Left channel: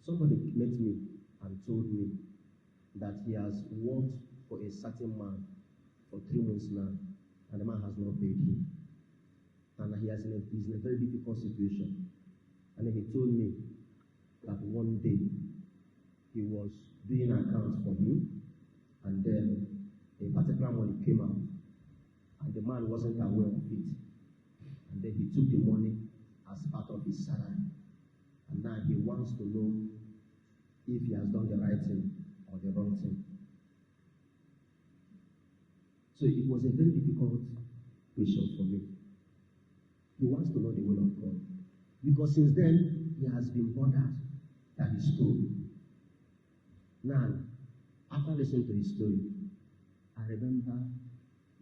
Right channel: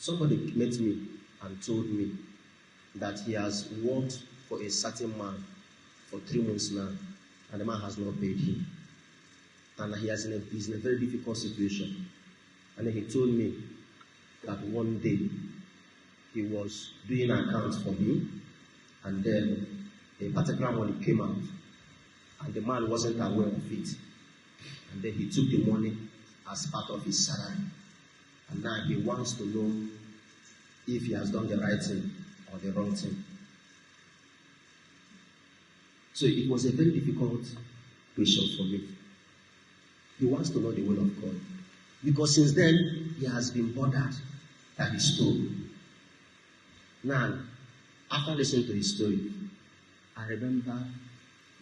Somebody met me and told me that he has worked for a certain man for 3 months now, and the man has not paid him. And he's in a very difficult situation. And then he told me that one day he was doing accounts for him, and then a particular money came out, and the man wasn't aware of it. And then he took the money as part of his salary. And now he wants to know if he has done the right thing or the wrong thing. So it was a very difficult question for me. He wants to know the will of God. Because since then, he has been bothered by his story. Now, after listening to his story, I remember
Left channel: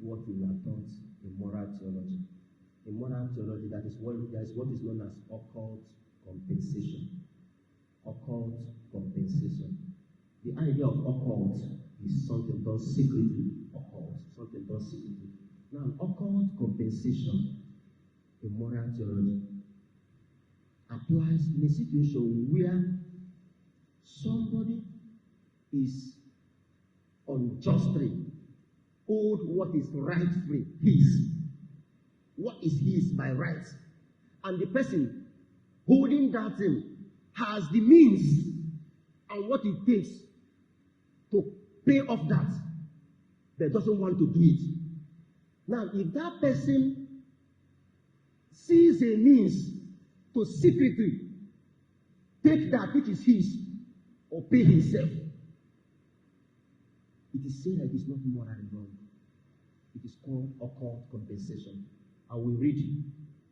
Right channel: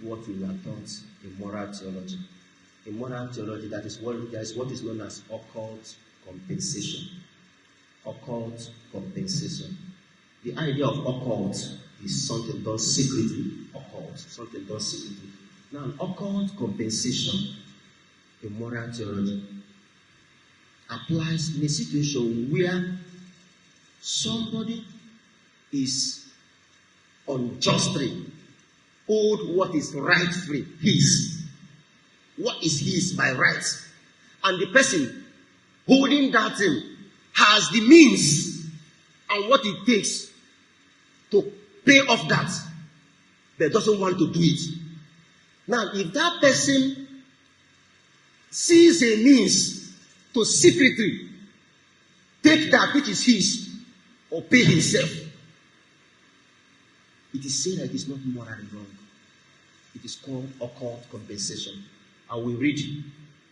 what we were taught in moral theology. In moral theology, there is what is known as occult compensation. Occult compensation. The idea of occult is something done secretly. Occult, something done secretly. Now, occult compensation in moral theology applies in a situation where somebody is unjustly owed what is rightfully his. What is his by right? And the person holding that thing has the means and what it takes to pay off that, but doesn't want to do it. Now, if that person sees a means to secretly take that which is his or pay himself, it is said that it is not morally wrong. It is called occult compensation. I will read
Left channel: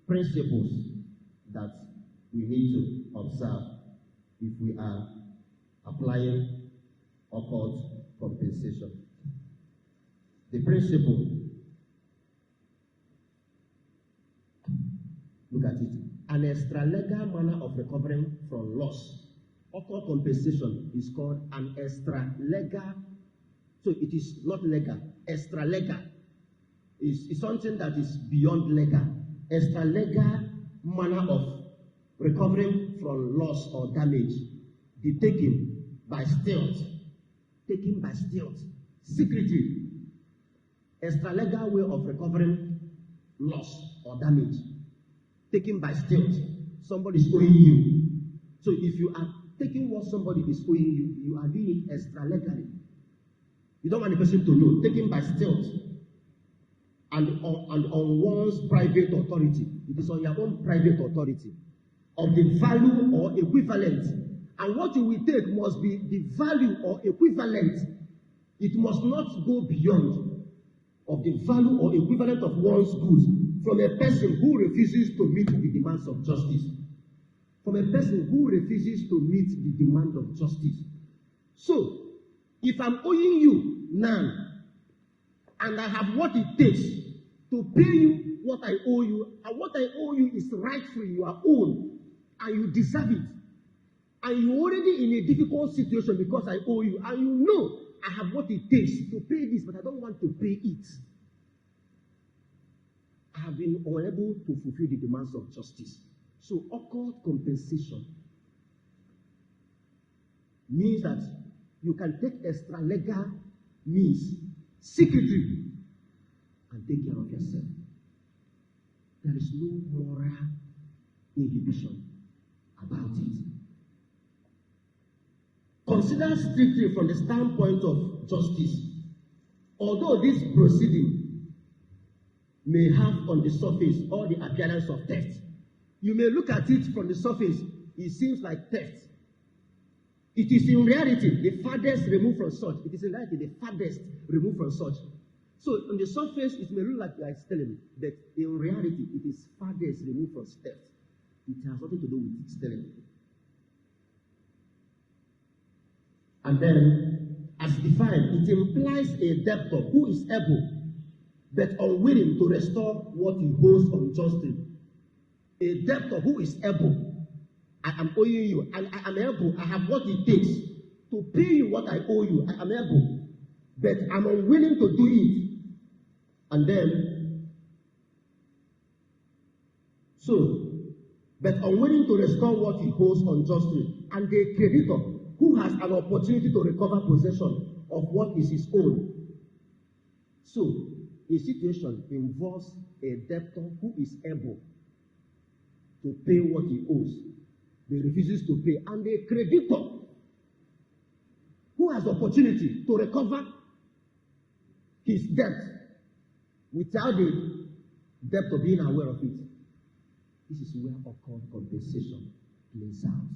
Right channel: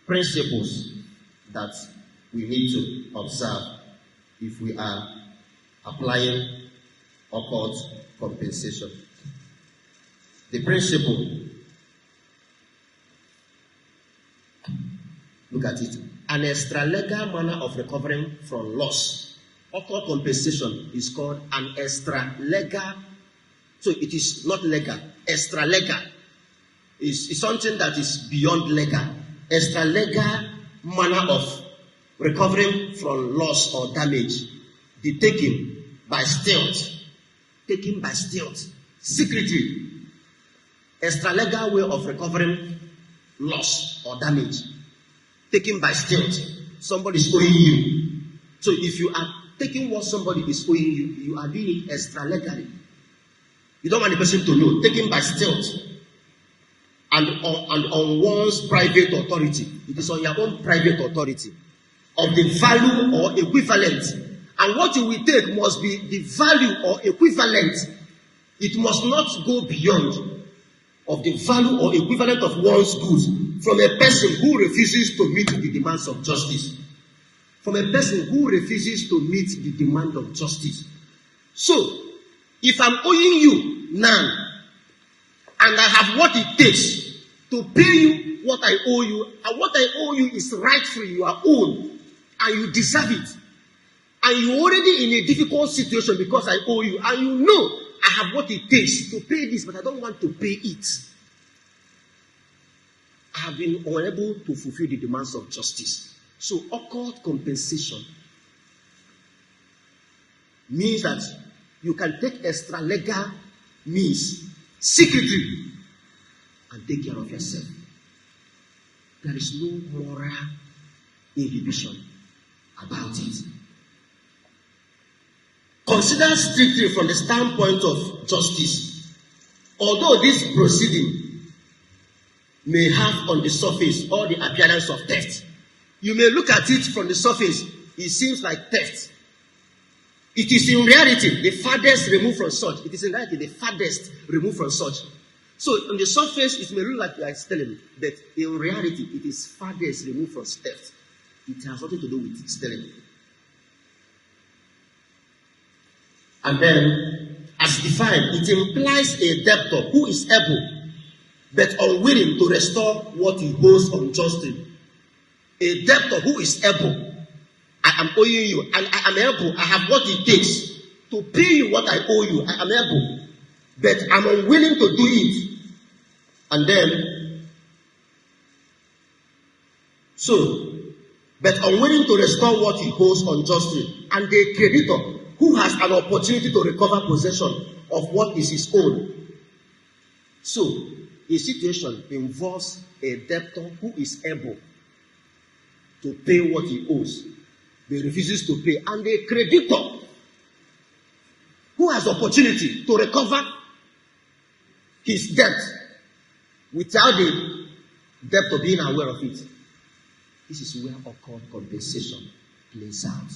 principles that we need to observe if we are applying occult compensation. The principle, look at it, an extra-legal manner of recovering from loss. Occult compensation is called an extra-legal, so it is not legal, extra-legal. Is something that is beyond legal. Extra-legal manner of recovering from loss or damage. The taking by stealth. Taking by stealth. Secretly. Extra-legal way of recovering loss or damage. Taken by stealth. Somebody is owing you. So if you are taking what somebody is owing you, you are doing it extra-legally. You don't want the person to know. Taken by stealth. And on one's private authority. It is on your own private authority of the value or equivalent. And what you will take must be the value or equivalent. It must not go beyond of the value or equivalent of one's goods from a person who refuses to meet the demands of justice. From a person who refuses to meet the demand of justice. So, if I'm owing you now, and I have what it takes to pay you what I owe you, and what I owe you is rightfully your own, and you deserve it, and you're already in a difficult situation because I owe you, and you know I have what it takes to pay this, but I don't want to pay it. I have been unable to fulfill the demands of justice. So, occult compensation means that you can take extra legal means secretly and take care of yourself. There is no moral inhibition about it. Consider strictly from the standpoint of justice. Although this proceeding may have on the surface all the appearance of theft, you may look at it from the surface, it seems like theft. It is in reality the farthest removed from such. It is in reality the farthest removed from such. So on the surface, it may look like you are stealing, but in reality, it is farthest removed from theft. It has nothing to do with stealing. And then, as defined, it implies a debtor who is able, but unwilling to restore what he owes unjustly. A debtor who is able, I am owing you, and I am able, I have what it takes to pay you what I owe you. I am able, but I'm unwilling to do it. And then, so, but unwilling to restore what he owes unjustly, and the creditor who has an opportunity to recover possession of what is his own. So, a situation involves a debtor who is able to pay what he owes, but refuses to pay, and a creditor who has opportunity to recover his debt without the debtor being aware of it. This is where occurred compensation plays out.